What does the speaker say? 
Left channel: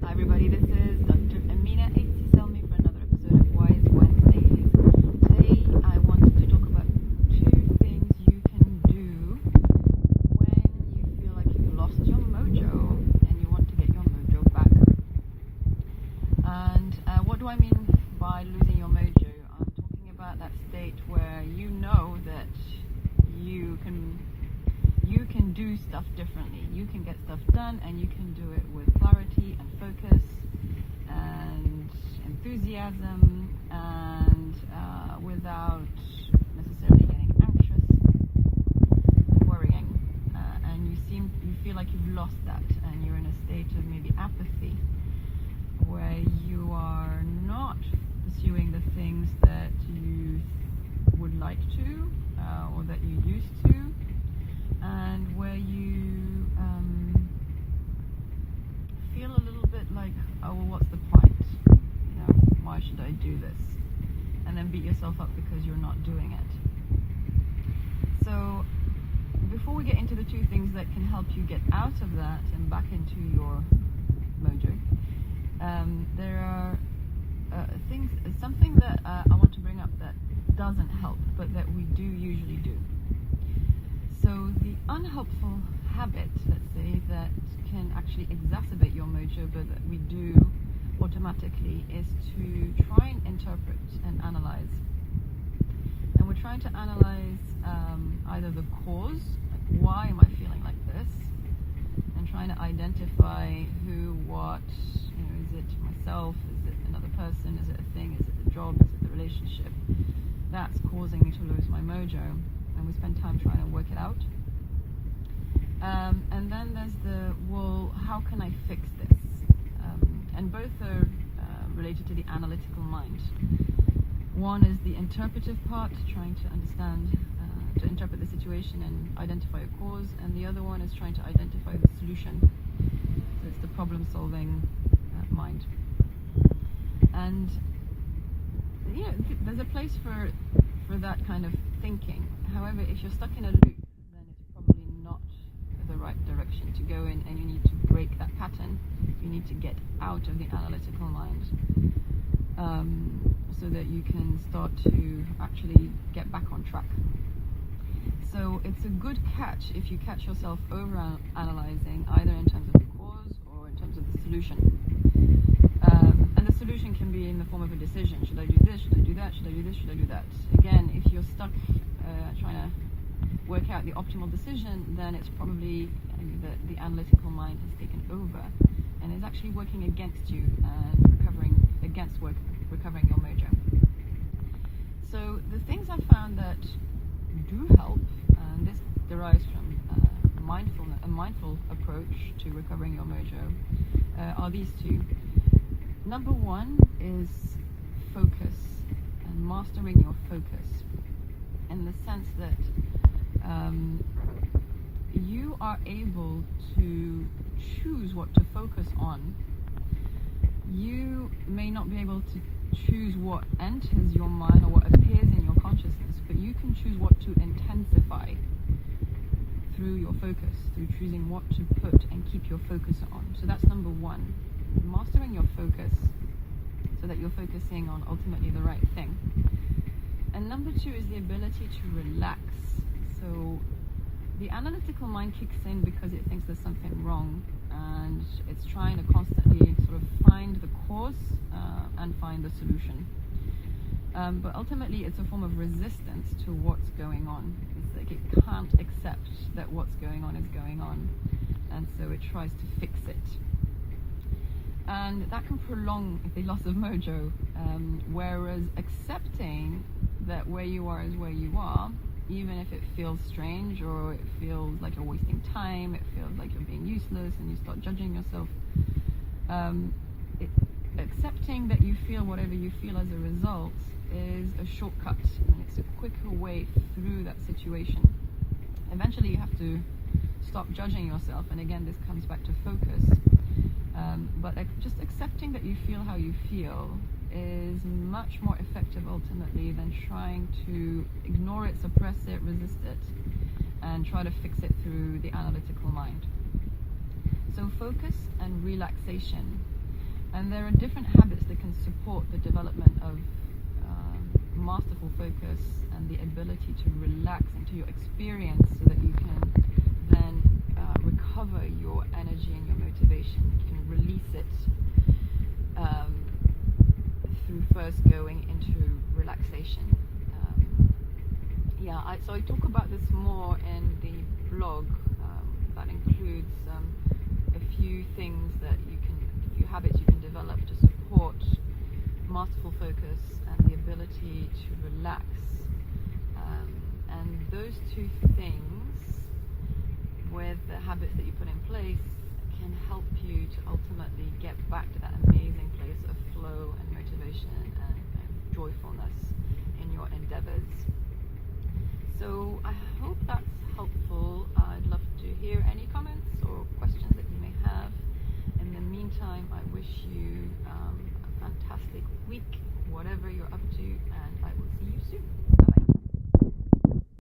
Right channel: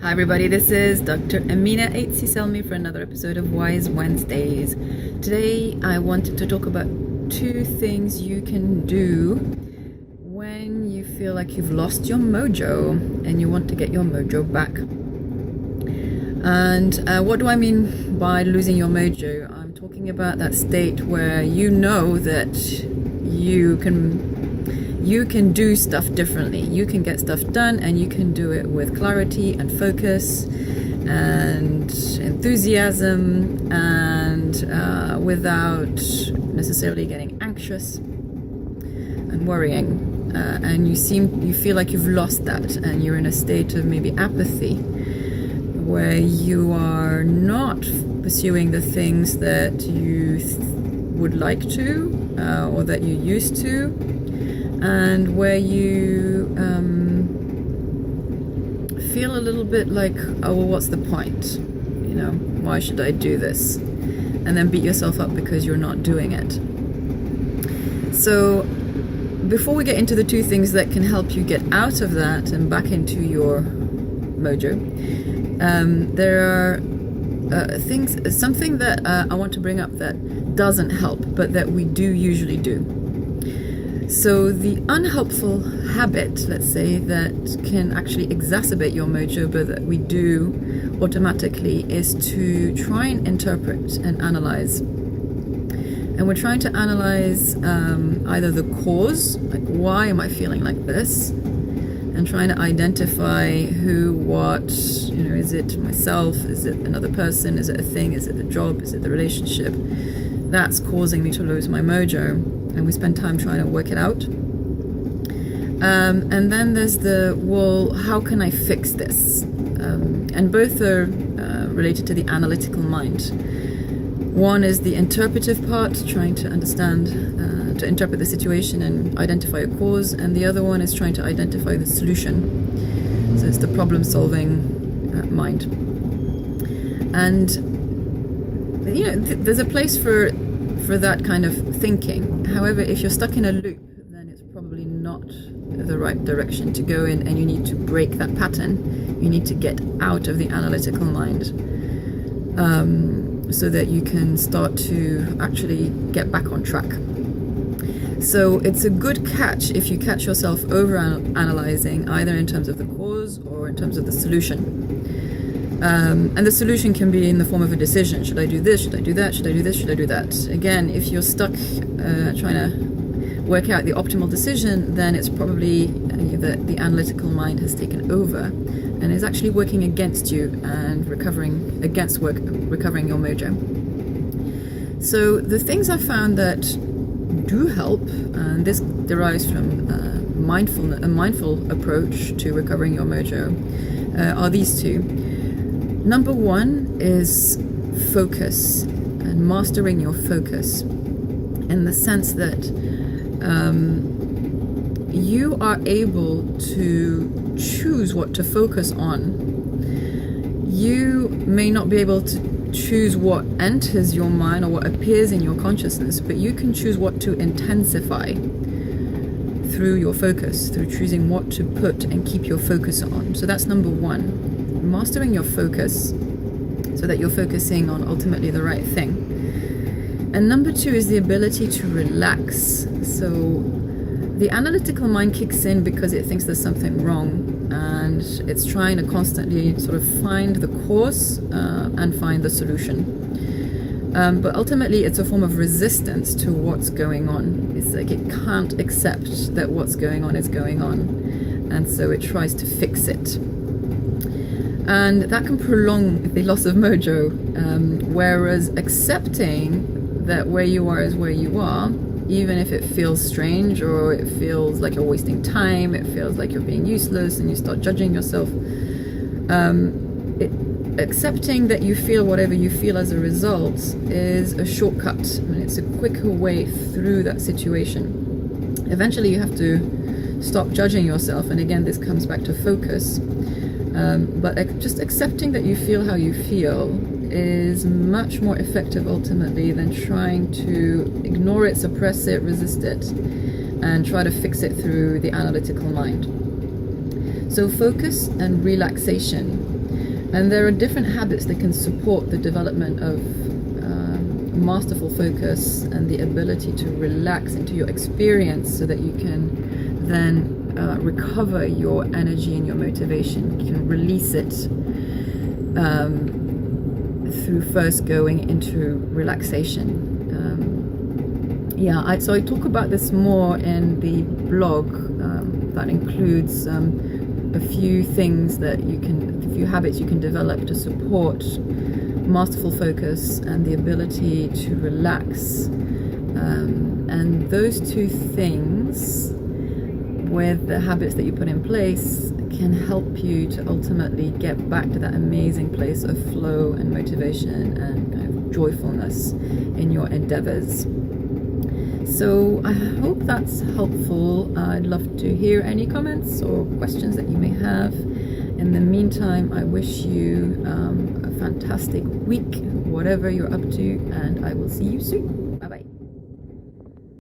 Hi everybody, this is Dr. Amina Aitsi-Selmi for another episode of Wise Wednesdays. Today I wanted to talk about two things you can do when you feel like you've lost your mojo and you want to get your mojo back. And what do I mean by losing your mojo? I'm talking about that state where you know that you can do stuff differently. You can get stuff done and you can do it with clarity and focus and enthusiasm and without necessarily getting anxious and worrying. And you feel like you've lost that and you're in a state of maybe apathy where you are not pursuing the things that you would like to or that you used to, and where you feel a little bit like, oh, well, what's the point? You know, why should I do this? And then beat yourself up because you're not doing it. So before we get into the two things that can help you get out of that and back into your mojo, there are something that I want to bring up that doesn't help, but that we do usually do. So the unhelpful habit, let's say, that can actually exacerbate your mojo, but that we do automatically, is to try and interpret and analyze. And we're trying to analyze either the cause, like why am I feeling like this, and trying to identify who, what, is it myself, is it another person, is it a thing, is it the job, is it the relationship that's causing me to lose my mojo. And we spend time trying to work it out. And then there's well, how can I fix this? And both are related to the analytical mind. One is the interpretive part, trying to understand, to interpret the situation and identify a cause. And the other one is trying to identify the solution. So it's the problem-solving mind. And, there's a place for that kind of thinking. However, if you're stuck in a loop, then it's probably not the right direction to go in, and you need to break that pattern. You need to get out of the analytical mind so that you can start to actually get back on track. So it's a good catch if you catch yourself over-analyzing, either in terms of the cause or in terms of the solution. And the solution can be in the form of a decision. Should I do this? Should I do that? Should I do this? Should I do that? Again, if you're stuck trying to work out the optimal decision, then it's probably that the analytical mind has taken over and is actually working against you and recovering your mojo. So the things I found that do help, and this derives from a mindful approach to recovering your mojo, are these two. Number one is focus and mastering your focus, in the sense that you are able to choose what to focus on. You may not be able to choose what enters your mind or what appears in your consciousness, but you can choose what to intensify through your focus, through choosing what to put and keep your focus on. So that's number one. Mastering your focus so that you're focusing on ultimately the right thing. And number two is the ability to relax. So the analytical mind kicks in because it thinks there's something wrong, and it's trying to constantly sort of find the cause and find the solution. But ultimately it's a form of resistance to what's going on. It's like it can't accept that what's going on is going on, and so it tries to fix it. And that can prolong the loss of mojo, whereas accepting that where you are is where you are, even if it feels strange or it feels like you're wasting time, it feels like you're being useless and you start judging yourself, accepting that you feel whatever you feel as a result is a shortcut, and it's a quicker way through that situation. Eventually you have to stop judging yourself, and again this comes back to focus. But just accepting that you feel how you feel is much more effective ultimately than trying to ignore it, suppress it, resist it, and try to fix it through the analytical mind. So focus and relaxation And there are different habits that can support the development of masterful focus and the ability to relax into your experience so that you can then recover your energy and your motivation. You can release it through first going into relaxation. So I talk about this more in the blog. That includes a few things that a few habits you can develop to support masterful focus and the ability to relax. And those two things, with the habits that you put in place, can help you to ultimately get back to that amazing place of flow and motivation and kind of joyfulness in your endeavors. So I hope that's helpful. I'd love to hear any comments or questions that you may have. In the meantime, I wish you a fantastic week, whatever you're up to, and I will see you soon. Bye-bye.